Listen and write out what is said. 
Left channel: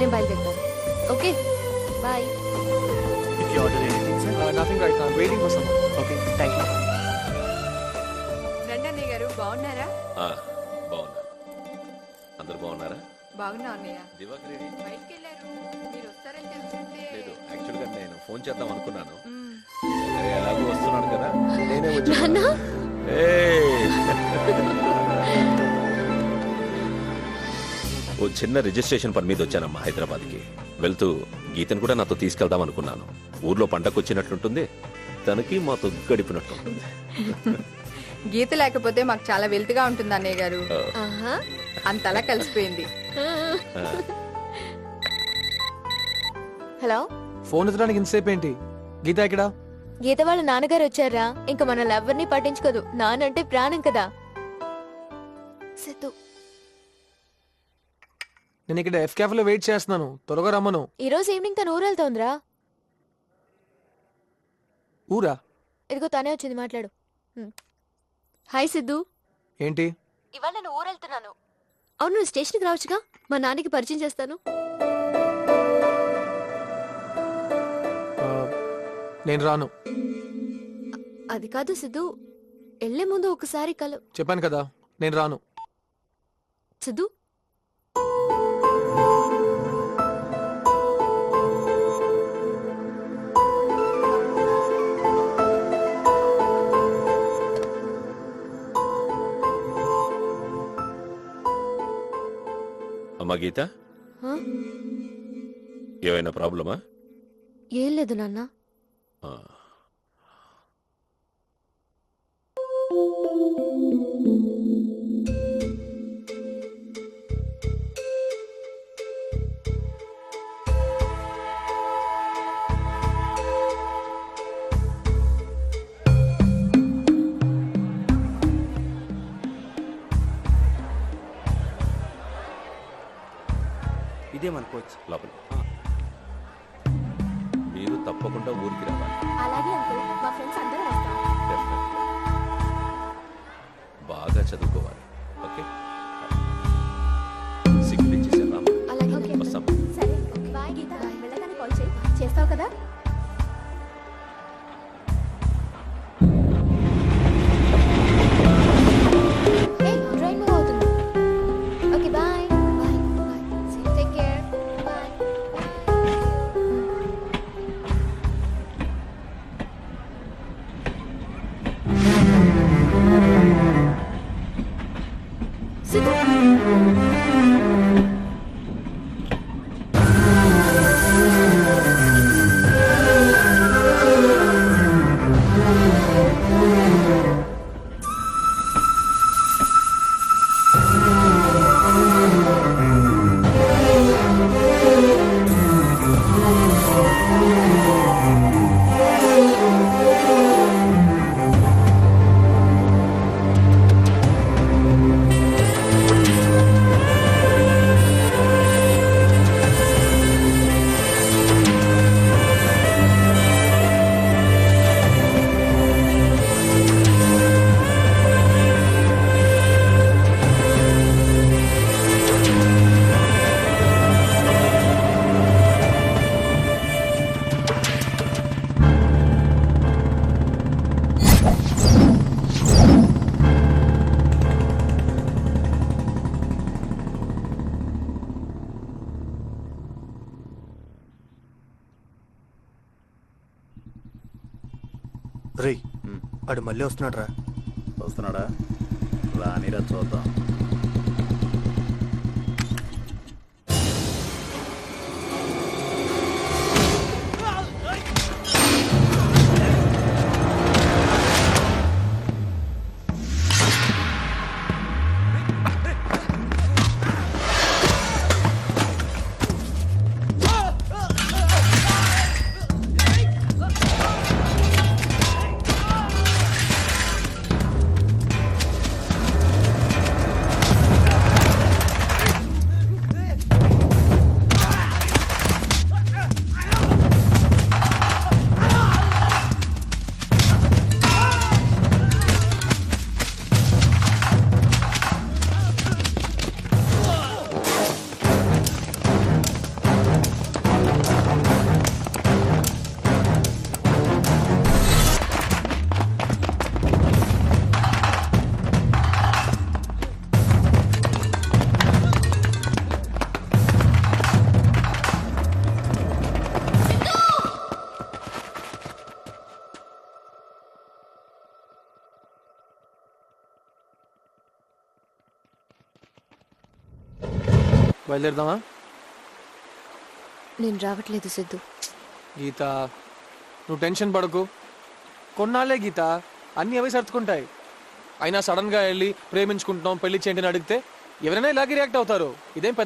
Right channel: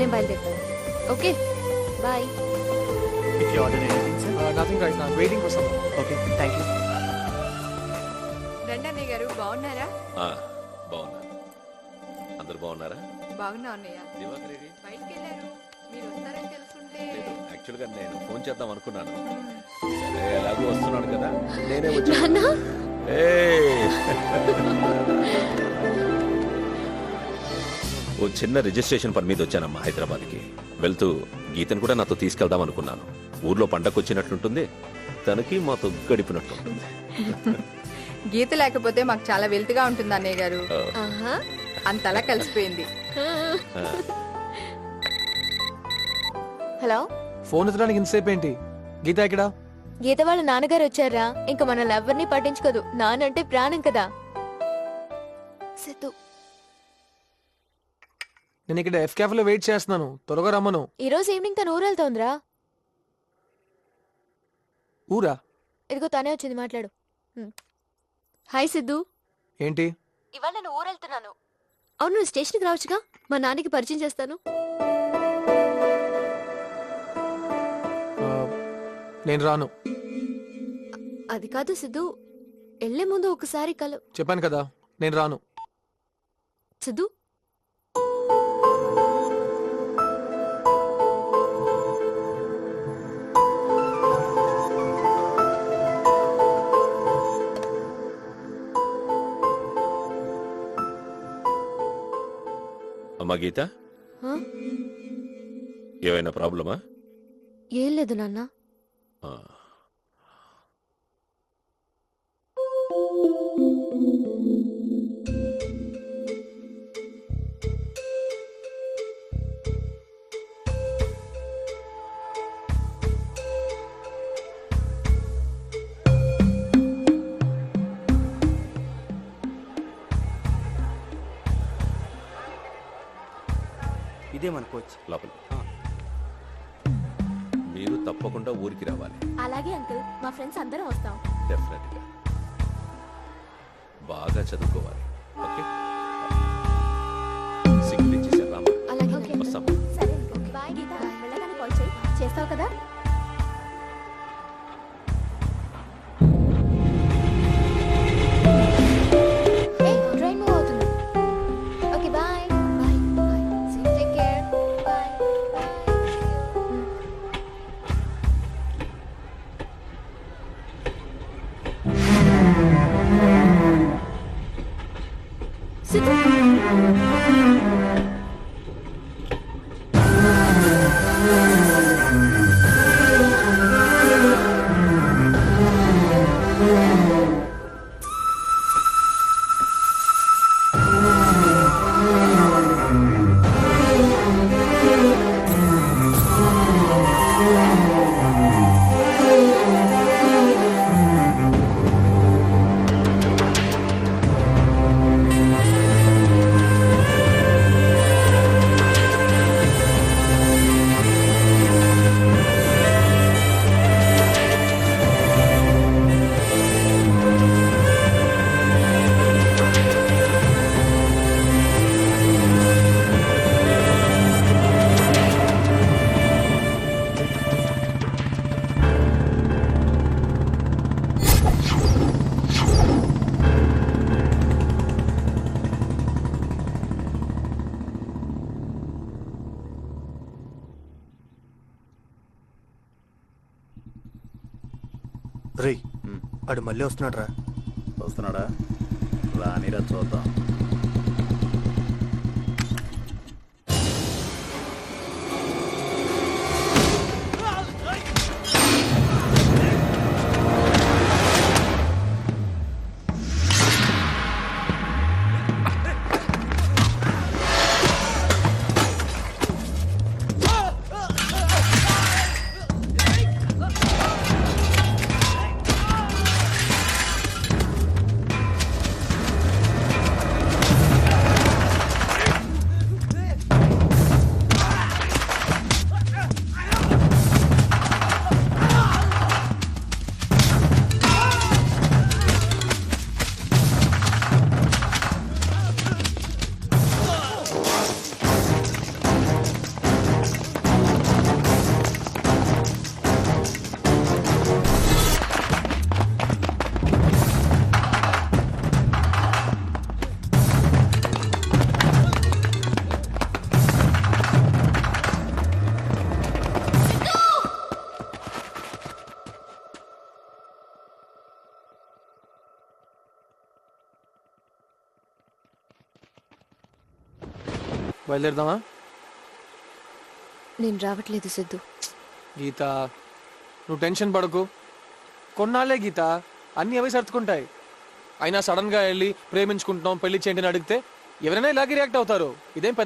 నేను బయలుదేరుతాను. Okay bye. If you order anything, sir? Nothing right. I'm waiting for someone. Okay, thank you. రండి అన్నయ్య గారు, బాగున్నారా? బాగున్నాను. అందరు బాగున్నారా? బాగున్నా అన్నయ్య. దివాకర్ రెడీ? బయటికి వెళ్ళారు, మీరు వస్తారని తెలుసుంటే. లేదు, యాక్చువల్గా నేను ఫోన్ చేద్దాం అనుకున్నాను. మ్మ్. సరే, ఎలాగూ వస్తున్నాడు కదా, నేనే వచ్చాను. నాన్న ఏయ్! ఓ చిన్న రిజిస్ట్రేషన్ పని మీద వచ్చానమ్మా హైదరాబాద్కి. వెళ్తూ గీతను కూడా నాతో తీసుకెళ్దాం అనుకున్నాను. ఊర్లో పండగ వచ్చినట్లుంటుంది, తనకి మాతో గడిపినట్లుంటుంది. గీత లేకపోతే మాకు చాలా వెల్తిగా ఉంటుంది అన్నయ్య గారు. ఆహా అంతలా కలిసిపోయింది. హలో, ఫోన్ ఎత్తడానికి ఇంతసేపు ఏంటి? గీత ఎక్కడా? గీత వాళ్ళ నాన్నగారు వచ్చారా? ఇంకా మనల్ని ఎవరిని పట్టించుకోదు. నానంటే ప్రాణం కదా. సిద్ధు, నేను ఇక్కడ ఎఫ్ క్యాఫ్ లో వెయిట్ చేస్తున్నాను, త్వరగా రమ్మను. ఈ రోజు ఈవినింగ్ తను ఊరు వెళ్తోందిరా. ఊరా? ఇదిగో తనే వచ్చింది, మాట్లాడు. హాయ్ సిద్ధు. ఏంటి? ఇవాళ నేను ఊరు వెళ్తున్నాను. అవును, నువ్వు స్టేషన్కి రావచ్చుగా, మా నాన్నకి పరిచయం చేస్తాను. ఆ, నేను రాను. అది కాదు సిద్ధు, వెళ్లే ముందు ఒకసారి చెప్పాను కదా, నేను రాను. సిద్ధు, అమ్మా గీత, ఆ? ఏమైనా ప్రాబ్లమా? ఏం లేదు నాన్న. ఆ. ఇదే మన కోచ్. లోపల మీరు తప్పకుండా ఊరికి రావాలి. అలాగే అంకుల్, మా ఫ్రెండ్స్ అందరం వస్తాం. డెఫినెట్గా బాగా చదువుకోవాలి. ఓకే, సిగ్నల్ ఇచ్చేసాను రామా. అలాగే నాన్న. వస్తాం. సరే బాయ్. గీత, వెళ్ళగానే కాల్ చేయి. చేస్తావు కదా? ట్రైన్ మూవ్ అవుతుంది. Okay bye. Bye bye. Take care. Bye bye. Siddhu, రేయ్, అడు మళ్ళీ వస్తున్నాడు రా. వస్తున్నాడా? రానిరా చూద్దాం. బయలుదేరదామా? నేను రావట్లేదు సిద్ధు. గీత, నువ్వు టెన్షన్ పడకు. కొన్నాళ్ళే గీత, అన్నీ అవే సర్దుకుంటాయి. అయినా సడన్ గా వెళ్ళి ప్రేమించుకుంటున్నాం పెళ్లి చేయండి అని అడిగితే ఎవరైనా ఇలాగే రియాక్ట్ అవుతారు. ఇదేం పెద్ద